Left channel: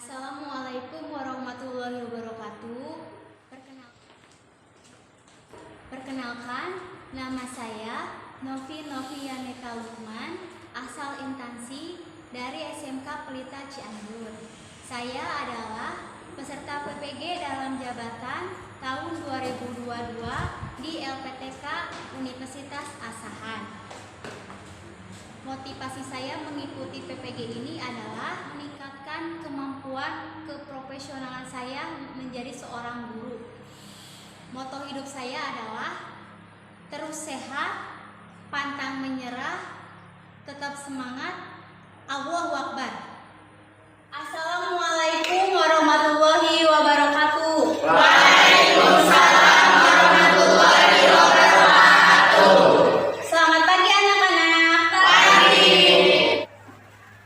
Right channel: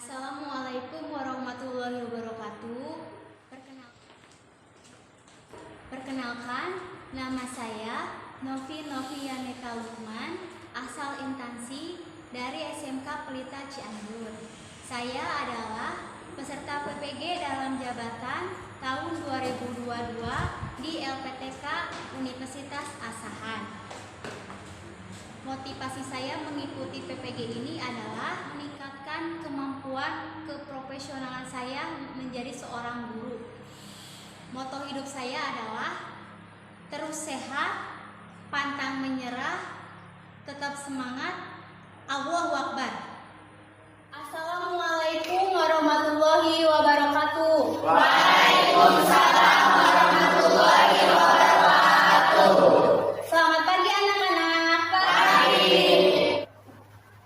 Assalamualaikum warahmatullahi wabarakatuh. Perkenalkan, nama saya Novi Novianeta Lukman, asal instansi dari SMK Pelita Cianjur. Saya adalah peserta PPG dalam jabatan tahun 2022 di LPTK Universitas Asahan. Motivasi saya mengikuti PPG ini adalah meningkatkan kemampuan keprofesionalan saya menjadi seorang guru. Moto hidup saya adalah terus sehat, pantang menyerah, tetap semangat, Allahu Akbar. Assalamualaikum warahmatullahi wabarakatuh. Waalaikumsalam warahmatullahi wabarakatuh. Selamat pagi anak-anak. Pagi.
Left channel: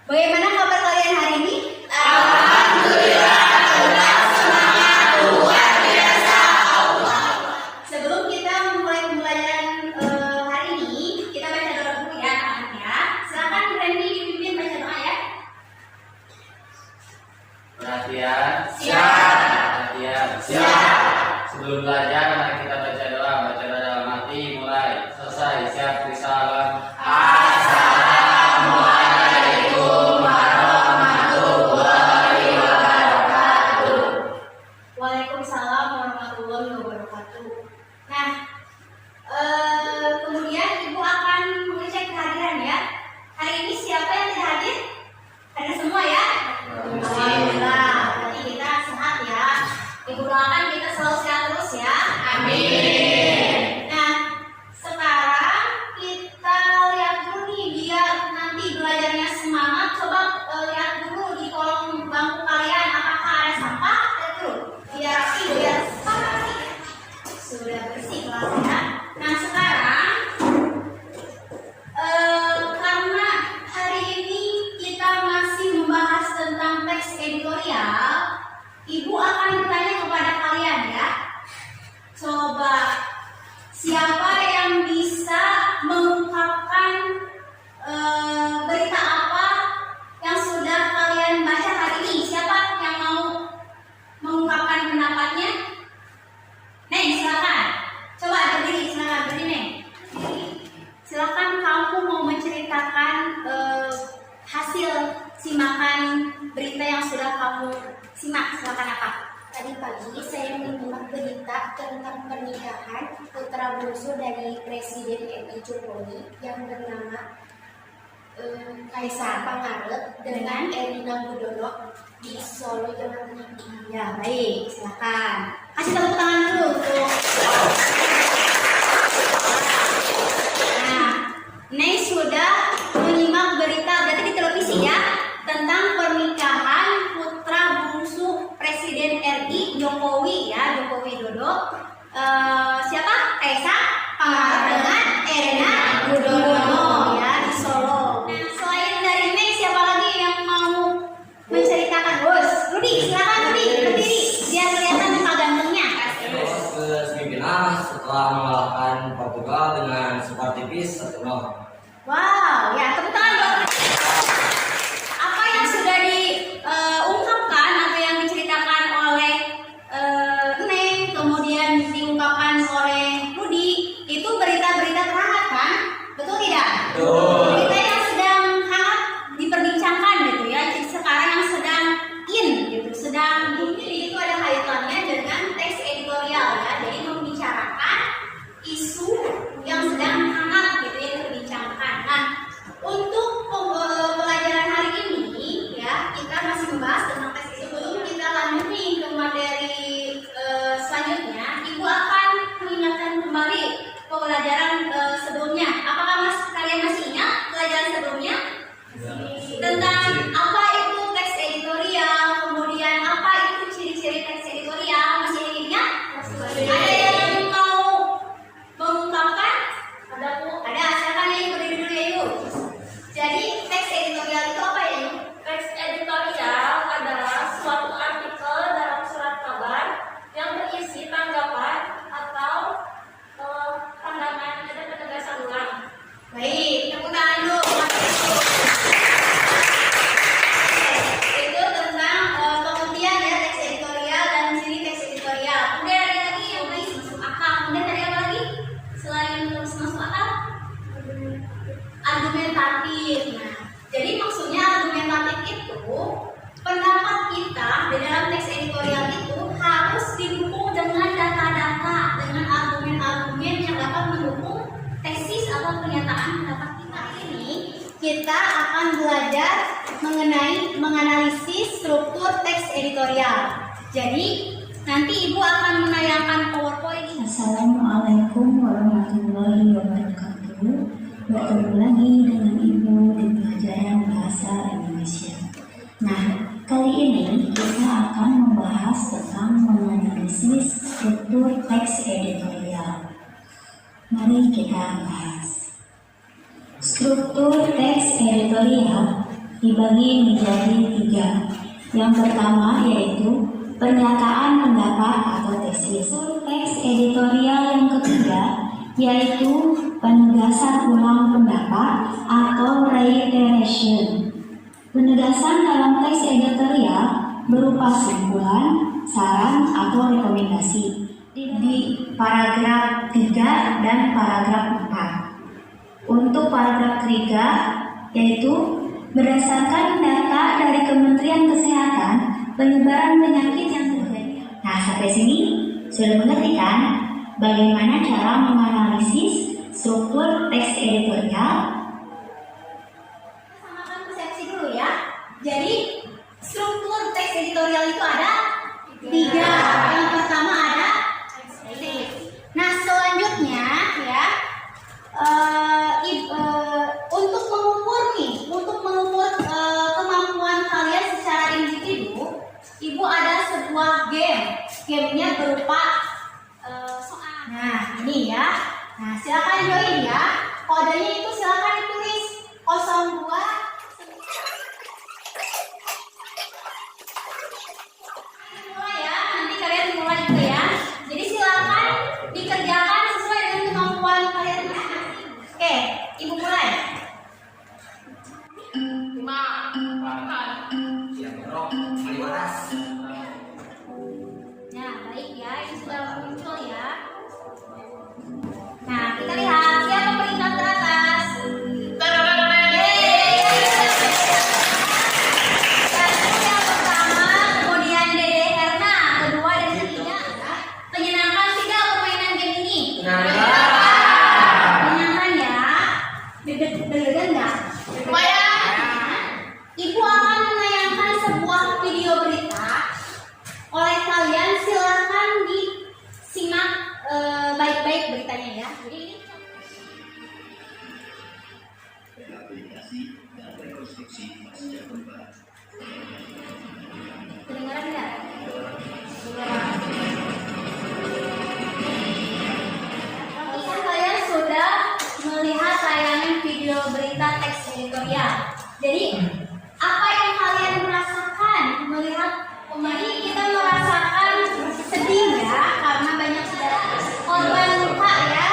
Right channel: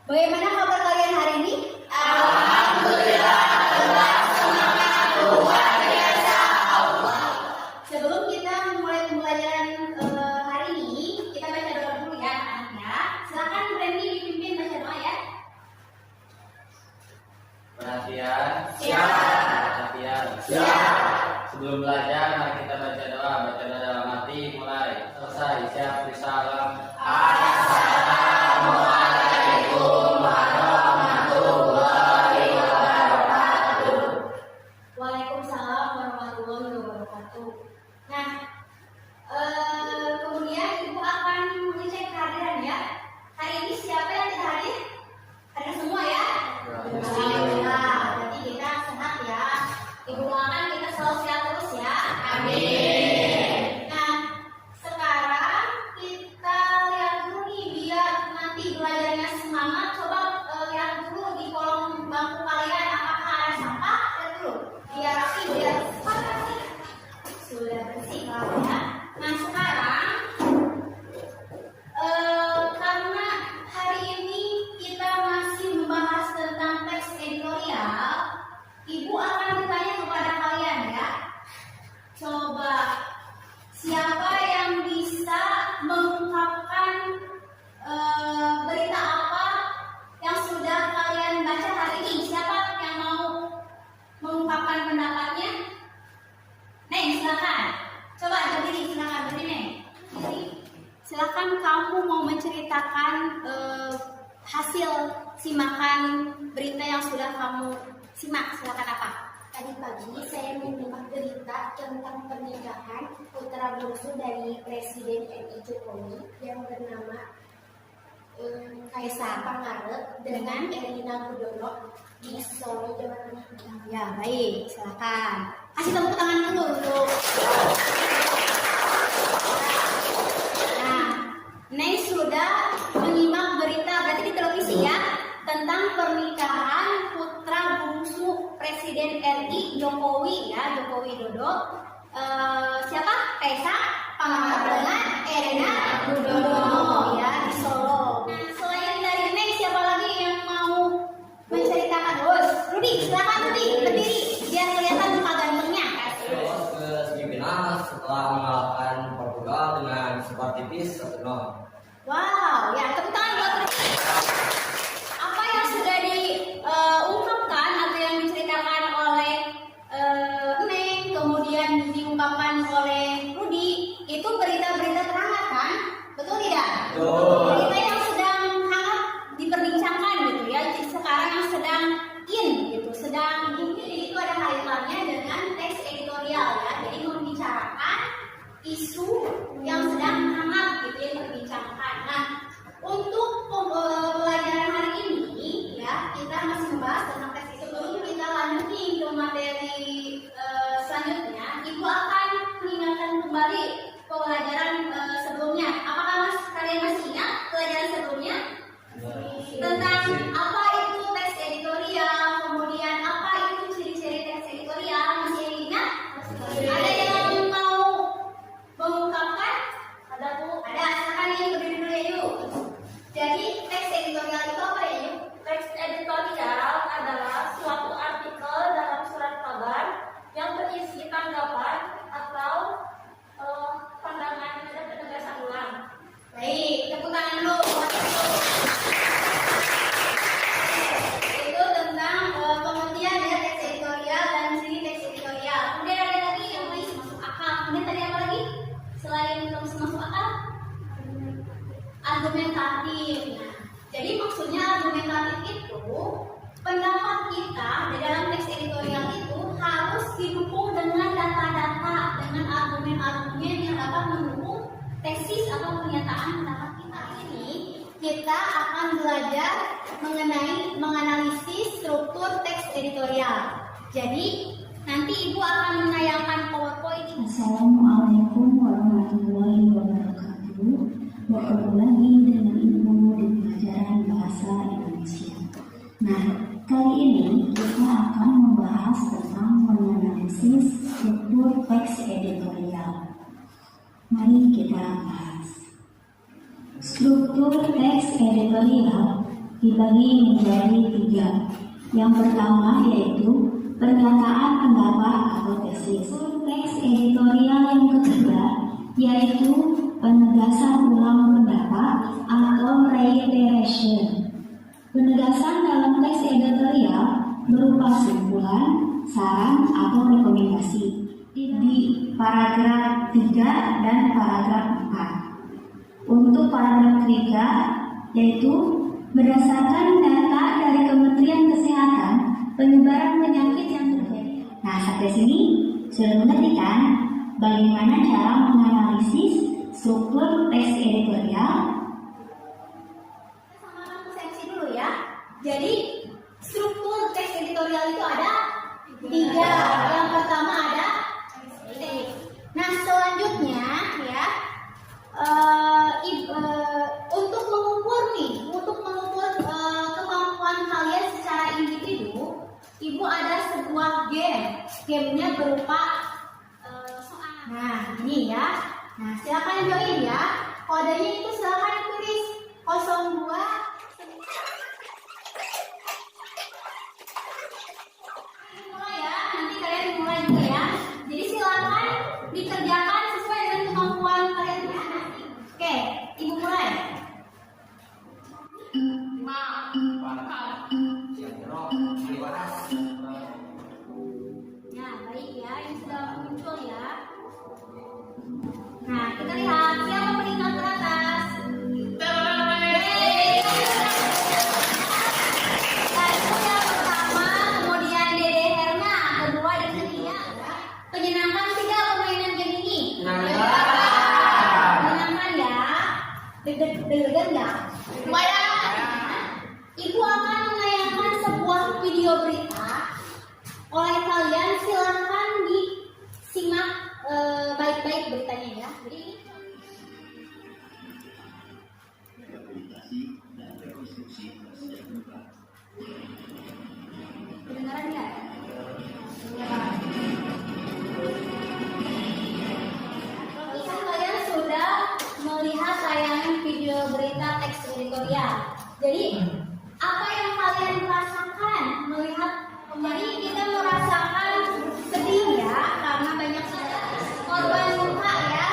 Bagaimana kabar kalian hari ini? Alhamdulillah, tetap semangat luar biasa. Sebelum kita memulai pembelajaran hari ini, kita baca doa dulu ya anak-anak ya. Silakan Randy dipimpin baca doa ya. Perhatian. Siap. Perhatian. Siap. Sebelum belajar, mari kita baca doa. Baca doa dalam hati. Mulai. Selesai. Siap. Salam. Assalamualaikum warahmatullahi wabarakatuh. Waalaikumsalam warahmatullahi wabarakatuh. Nah, kemudian Ibu akan mengecek kehadiran ya. Hari ini siapa yang tidak hadir? Hadir semua ya? Alhamdulillah. Berarti kita sehat ya. Ibu doakan kita selalu sehat terus ya. Amin. Nah, sekarang kita lihat dulu nih biar nanti belajarnya semangat. Coba lihat dulu di kolom bangku kalian apakah ada sampah? Lihat dulu. Biar rapi, biar sudah bersih kelasnya. Nah, sekarang karena hari ini kita masih membahas tentang teks editorial, Ibu akan bertanya kepada kalian ya. Coba siapa yang bisa mengungkapkan berita apa yang sudah kalian baca hari ini? Siapa yang mau mengungkapkan pendapatnya? Neng, silakan. Coba berdiri, silakan berdiri, Neng. Berdiri. Silakan kamu mau menceritakan hasil simakan berita yang sudah kamu simak. Silakan apa? Tadi pagi saya menyimak berita tentang pernikahan putra bungsu dari Presiden RI Jokowi yang bernama Kaisar Pangarep dengan Erina Gudono di Solo, Jawa Tengah. Ya, baik. Silakan. Kasih tepuk tangan dulu. Nah, Neng sudah menyimak berita berarti di televisi ya tentang pernikahan putra bungsu Presiden RI Jokowi ya, Joko Widodo. Siapa? Kaisar Pangarep dengan Erina Gudono ya di Solo. Nah, selain dari Neng siapa lagi yang mau menceritakan? Bos, Rudi, silakan Rudi berdiri biar kelihatan muka gantengnya. Ke pimpinan setelah mengalahkan Portugal dengan skor tipis 1-0. Wow, itu pendapat kita di dalam teks editorial itu harus didukung dengan data-data, dengan argumen-argumen yang dapat mendukung tesis atau pernyataan pendapat kita. Ini kita akan belajar mengenai menganalisis struktur teks editorial. Jadi nanti Ibu akan menayangkan PowerPoint ini. Assalamualaikum warahmatullahi wabarakatuh. Bertemu lagi dengan Ibu di pelajaran Bahasa Indonesia. Nah, kali ini kita akan membahas tentang menganalisis struktur teks editorial. Mari kita bahas. Struktur teks editorial dibagi menjadi 3. Yang pertama yaitu pernyataan pendapat atau tesis. Teks editorial yang ketiga yaitu penegasan ulang pendapat atau reiteration. Penegasan dalam teks editorial berupa simpulan, saran, atau rekomendasi di paragraf 3 dan paragraf 4. Untuk paragraf 3 yaitu berdasarkan data dari Kementerian Kesehatan, penyebaran penyakit yang terjadi. Nah, sampai sini sudah mengerti kan bagaimana cara menganalisis struktur teks editorial? Sama-sama persepsi dulu ya. Jadi struktur teks editorial itu ada 3. Yang pertama ada tesis. Nah, selanjutnya ya untuk mengukur kemampuan kalian secara individu, Ibu ada sebuah game. Gamenya berupa soal. Nah, ini ya. Nah, silakan join ya. Kodenya itu silakan ditulis 02. Mulai ya. Nanti kalian mulai juga ya. Jadi silakan dikerjakan sesuai dengan kemampuan kalian masing-masing. Oke, Ibu mulai. Nah, baik ya, ini sudah muncul ya. Nah, kita lihat siapa peringkat teratas. Yeay. Satu yang pertama, kemudian Dede Herna, kedua dan ketiga. Menyenangkan tidak permainan game ini? Menyenangkan ya. Deg-degan nggak? Lumayan. Ibu akan menayangkan sebuah video berita. Oleh kalian silakan disimak baik-baik beritanya ya. Rehabilitasi dan rekonstruksi pasca gempa. Kedengaran nggak? Apakah kalian sudah melihat tayangan video berita teks editorial? Jadi apa yang kalian merasakan melihat kemarin? Kita merasakan sedih ya, karena banyak korban luka ya.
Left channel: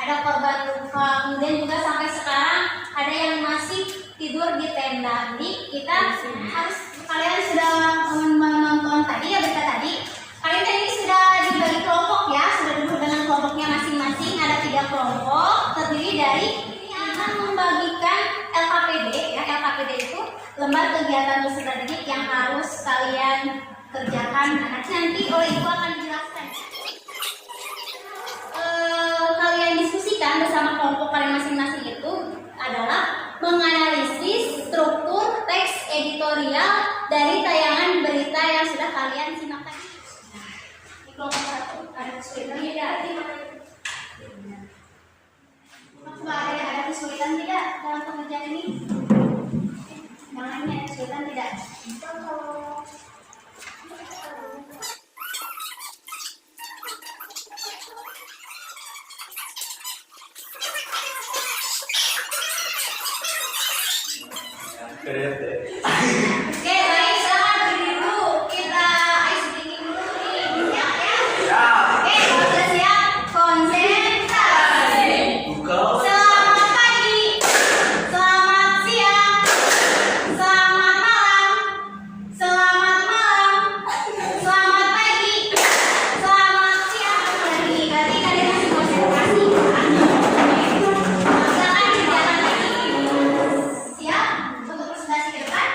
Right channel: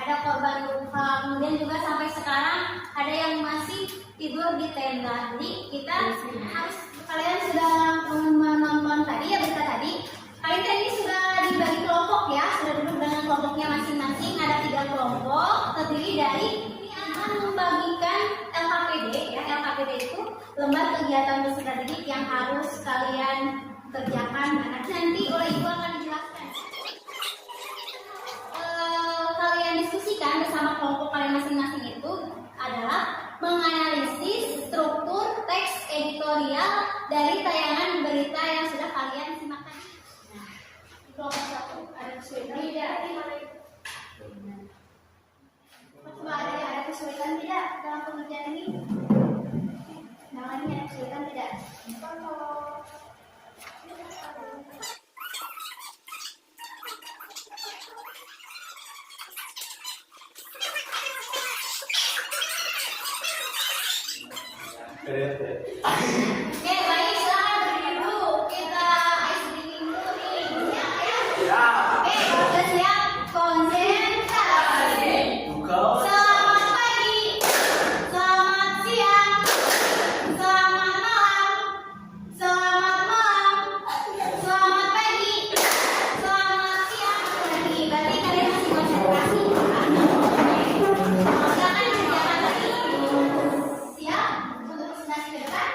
Ada korban luka, kemudian juga sampai sekarang ada yang masih tidur di tenda. Jadi kita harus, kalian sudah menonton tadi ya berita tadi. Kalian tadi sudah dibagi kelompok ya, sudah duduk dengan kelompoknya masing-masing. Ada 3 kelompok terdiri dari yang akan membagikan LKPD ya. LKPD itu lembar kegiatan peserta didik yang harus kalian kerjakan. Nanti oleh Ibu akan dijelaskan. Kalian diskusikan bersama kelompok kalian masing-masing itu adalah menganalisis struktur teks editorial dari tayangan berita yang sudah kalian simak tadi. Nah, di kelompok 1 ada kesulitan tidak? Coba ada kesulitan tidak dalam pengerjaan ini? Namanya ada kesulitan tidak? Oke, baik, silakan berdiri dulu. Kita ice breaking dulu nih. Siap ya? Oke, sudah siap. Konsentrasi. Selamat pagi. Selamat siang. Selamat malam. Selamat malam. Selamat pagi. Selamat siang. Berarti kalian masih konsentrasi kan? Silakan kerjakan lagi. Siap untuk presentasi ke depan?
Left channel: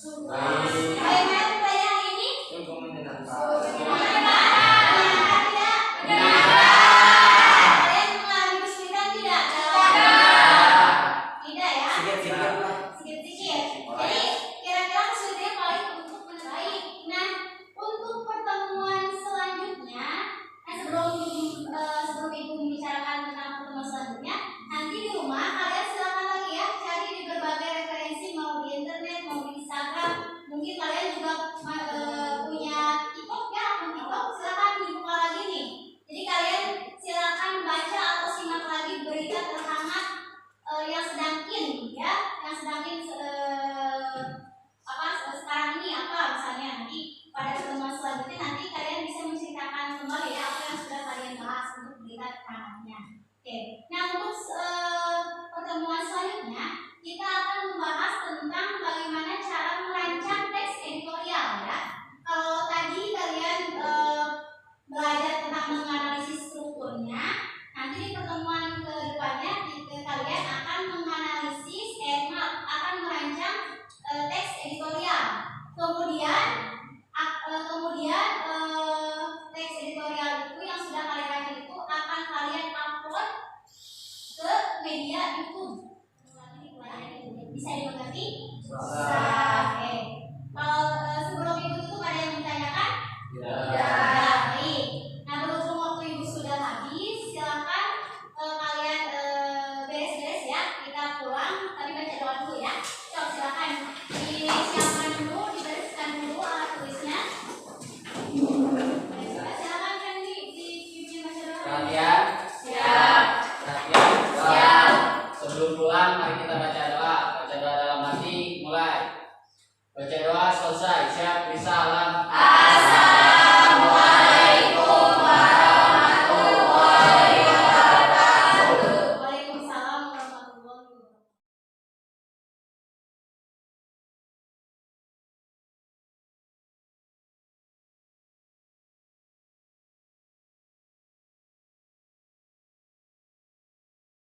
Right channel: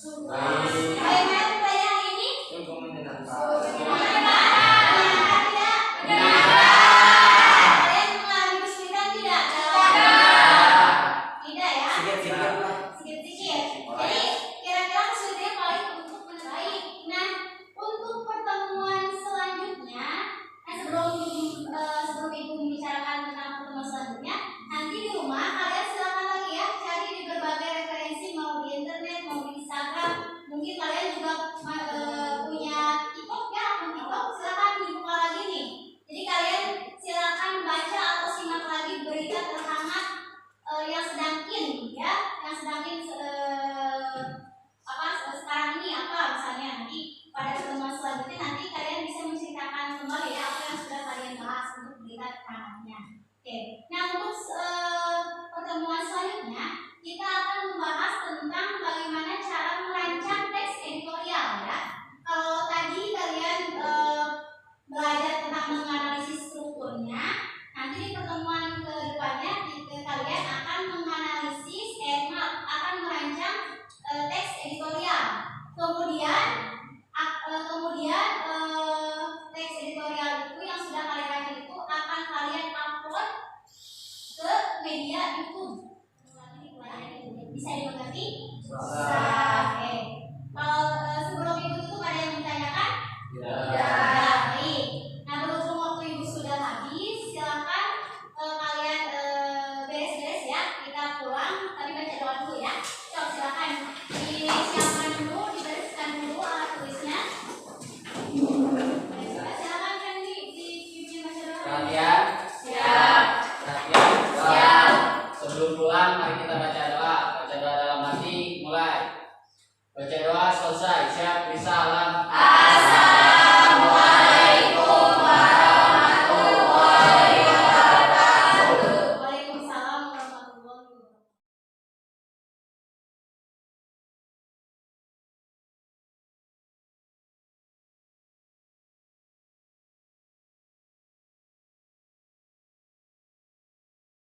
Baik. Bagaimana pembelajaran hari ini? Sungguh menyenangkan. Kalian mengalami kesulitan tidak? Tidak ya? Sedikit-sedikit. Jadi kira-kira kesulitannya paling untuk baik. Nah, untuk pertemuan selanjutnya, sebelum ibu membicarakan tentang pertemuan selanjutnya, nanti di rumah kalian silakan lagi ya cari di berbagai referensi, mau di internet, mau di Instagram. Mungkin kalian juga punya TikTok ya, akun TikTok, silakan dibuka lagi nih. Jadi kalian silakan baca atau simak lagi berita terhangat yang sedang in ya, yang sedang in sekarang ini apa misalnya. Nanti pada pertemuan selanjutnya nanti kalian bisa menceritakan kembali ya apa yang sudah kalian bahas untuk berita terhangatnya. Oke, nah untuk pertemuan selanjutnya kita akan membahas tentang bagaimana cara merancang teks editorial ya. Kalau tadi kalian belajar tentang menganalisis strukturnya, nanti di pertemuan kedepannya kalian akan menganalisis, akan merancang teks editorial. Kemudian teks editorial itu yang sudah kalian rancang itu akan kalian upload ke media YouTube. Bisa dimengerti? Oke. Kalau sebelum itu tutup ada yang ditanyakan? Tidak. Baik. Nah, berhubung waktu ibu sudah habis, silakan kalian beres-beres ya. Kita pulang. Tapi baca doa dulu ya. Coba silakan disiapkan dulu, dibereskan dulu alat tulisnya. Silakan kan di baca doa. Perhatian. Siap. Perhatian. Siap. Sebelum pulang, mari kita baca doa. Baca doa dalam hati, mulai. Baca doa selesai. Siap, bisa, alam,